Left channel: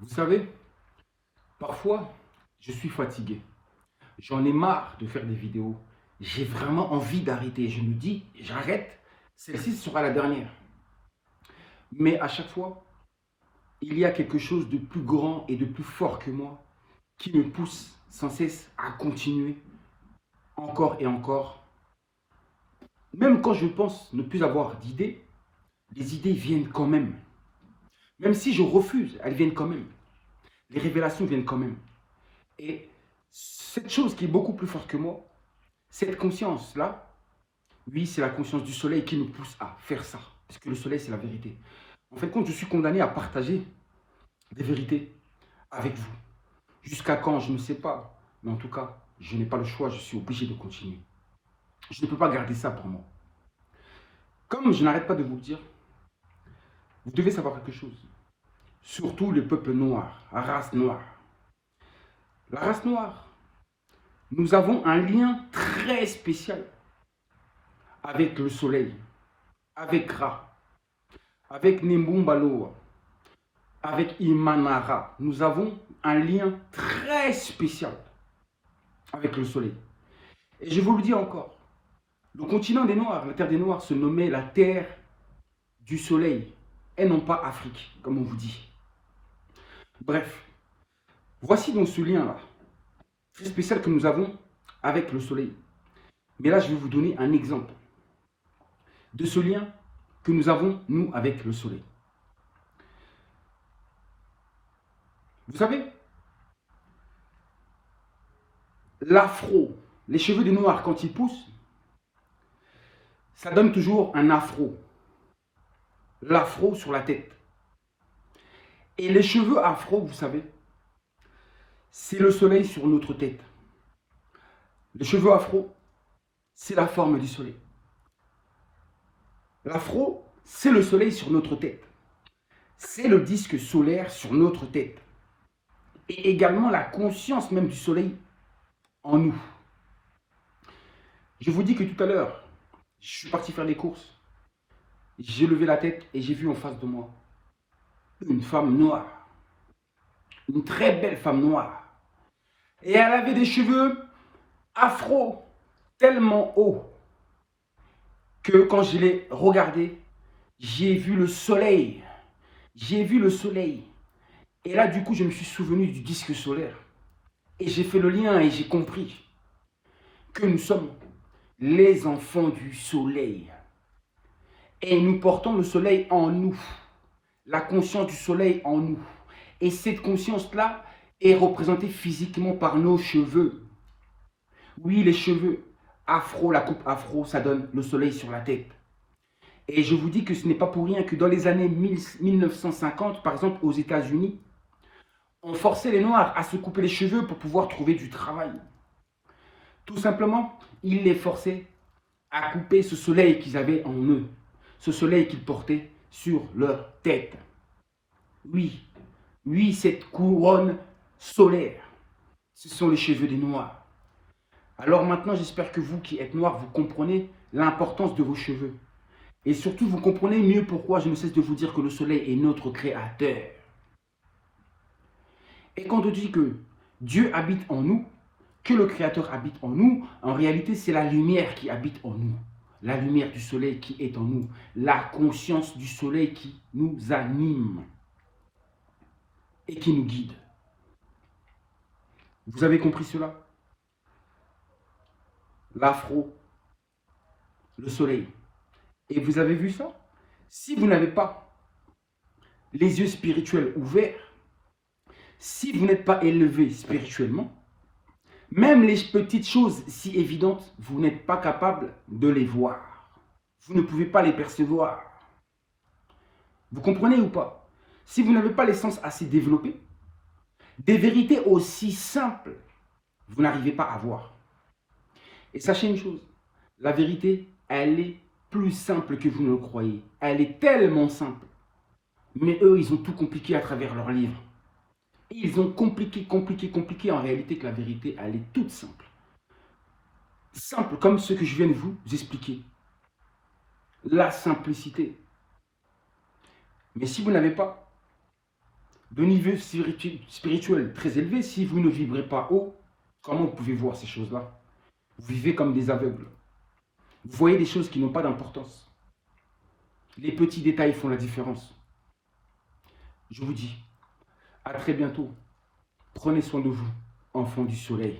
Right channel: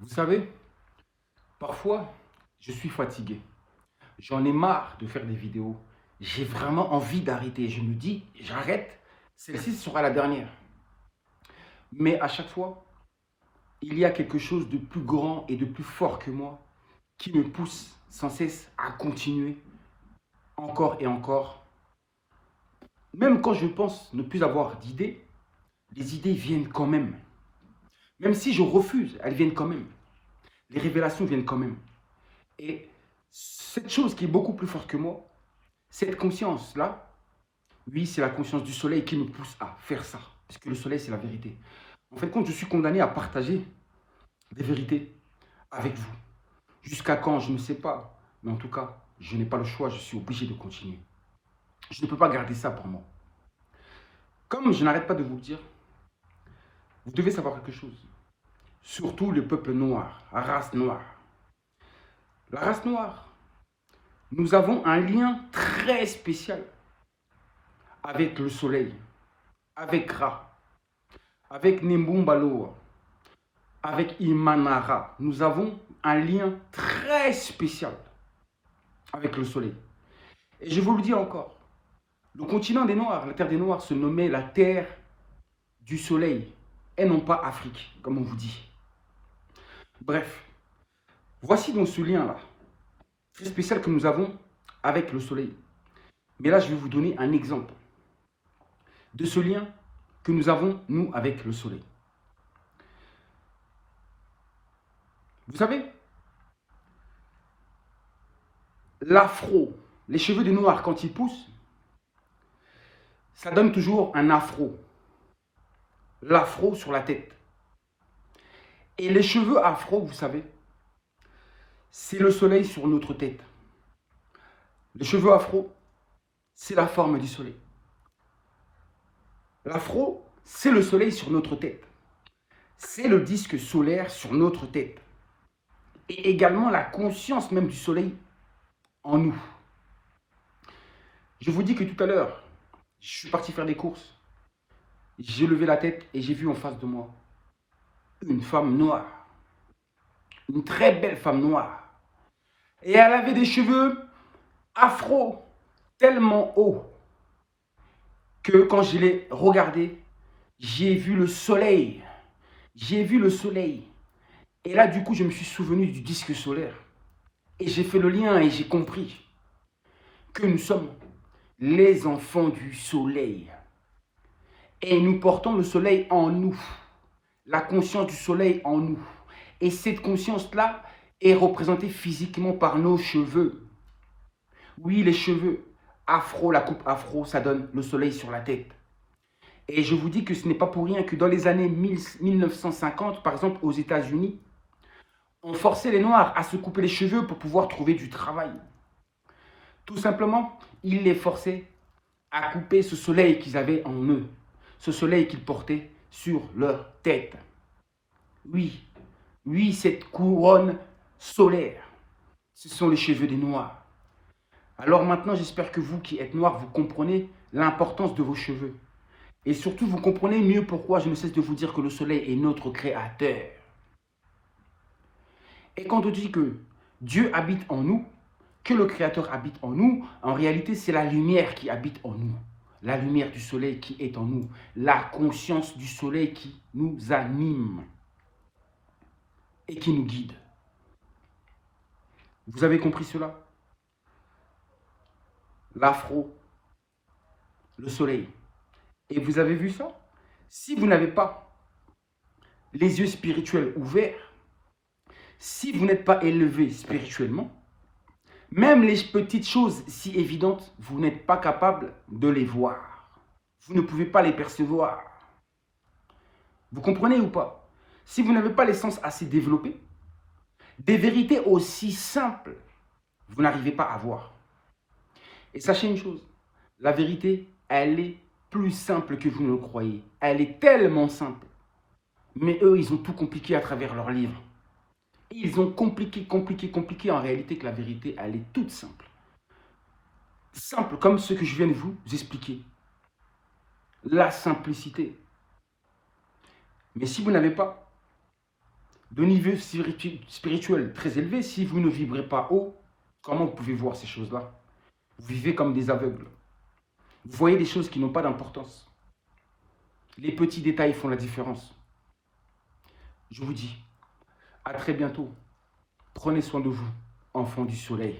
Vous savez, parfois, je suis fatigué. J'en ai marre de faire des vidéos. J'ai vraiment envie d'arrêter. Je me dis, j'arrête. Celle-ci sera la dernière. Mais à chaque fois, il y a quelque chose de plus grand et de plus fort que moi qui me pousse sans cesse à continuer encore et encore. Même quand je pense ne plus avoir d'idées, les idées viennent quand même. Même si je refuse, elles viennent quand même. Les révélations viennent quand même. Et cette chose qui est beaucoup plus forte que moi, cette conscience-là, oui, c'est la conscience du soleil qui me pousse à faire ça. Parce que le soleil, c'est la vérité. En fait, quand je suis condamné à partager des vérités avec vous, jusqu'à quand, je ne sais pas. Mais en tout cas, je n'ai pas le choix, je suis obligé de continuer. Je ne peux pas garder ça pour moi. Comme je n'arrête pas de vous le dire, vous devez savoir quelque chose. Surtout le peuple noir, la race noire. La race noire, nous avons un lien très spécial avec le soleil, avec Ra, avec Nimbumbaloa, avec Imanara. Nous avons un lien très spécial avec le soleil. Et je vous le dis encore, le continent des Noirs, la terre des Noirs se nommait la terre du soleil, et non pas Afrique, comme on vous dit. Bref, voici donc ce lien-là, très spécial que nous avons avec le soleil. Mais là, je vais vous donner un exemple de ce lien que nous avons, nous, avec le soleil. Vous savez, l'afro, les cheveux des Noirs, quand ils poussent, ça donne toujours un afro. L'afro sur la tête. Et les cheveux afro, vous savez, c'est le soleil sur notre tête. Les cheveux afro, c'est la forme du soleil. L'afro, c'est le soleil sur notre tête. C'est le disque solaire sur notre tête. Et également la conscience même du soleil en nous. Je vous dis que tout à l'heure, je suis parti faire des courses. J'ai levé la tête et j'ai vu en face de moi une femme noire. Une très belle femme noire. Et elle avait des cheveux afro tellement hauts que quand je l'ai regardée, j'ai vu le soleil. J'ai vu le soleil. Et là, du coup, je me suis souvenu du disque solaire. Et j'ai fait le lien et j'ai compris que nous sommes les enfants du soleil. Et nous portons le soleil en nous. La conscience du soleil en nous. Et cette conscience-là est représentée physiquement par nos cheveux. Oui, les cheveux afro, la coupe afro, ça donne le soleil sur la tête. Et je vous dis que ce n'est pas pour rien que dans les années 1950, par exemple aux États-Unis, on forçait les Noirs à se couper les cheveux pour pouvoir trouver du travail. Tout simplement, ils les forçaient à couper ce soleil qu'ils avaient en eux, ce soleil qu'ils portaient sur leur tête. Oui, oui, cette couronne solaire, ce sont les cheveux des Noirs. Alors maintenant, j'espère que vous qui êtes Noirs, vous comprenez l'importance de vos cheveux. Et surtout, vous comprenez mieux pourquoi je ne cesse de vous dire que le soleil est notre créateur. Et quand on dit que Dieu habite en nous, que le Créateur habite en nous, en réalité, c'est la lumière qui habite en nous. La lumière du soleil qui est en nous. La conscience du soleil qui nous anime et qui nous guide. Vous avez compris cela? L'afro, le soleil. Et vous avez vu ça? Si vous n'avez pas les yeux spirituels ouverts, si vous n'êtes pas élevé spirituellement, même les petites choses si évidentes, vous n'êtes pas capable de les voir. Vous ne pouvez pas les percevoir. Vous comprenez ou pas? Si vous n'avez pas les sens assez développés, des vérités aussi simples, vous n'arrivez pas à voir. Et sachez une chose, la vérité, elle est plus simple que vous ne le croyez. Elle est tellement simple. Mais eux, ils ont tout compliqué à travers leurs livres. Et ils ont compliqué en réalité que la vérité, elle est toute simple. Simple comme ce que je viens de vous expliquer. La simplicité. Mais si vous n'avez pas de niveau spirituel très élevé, si vous ne vibrez pas haut, comment vous pouvez voir ces choses-là? Vous vivez comme des aveugles. Vous voyez des choses qui n'ont pas d'importance. Les petits détails font la différence. Je vous dis, à très bientôt. Prenez soin de vous, enfants du soleil.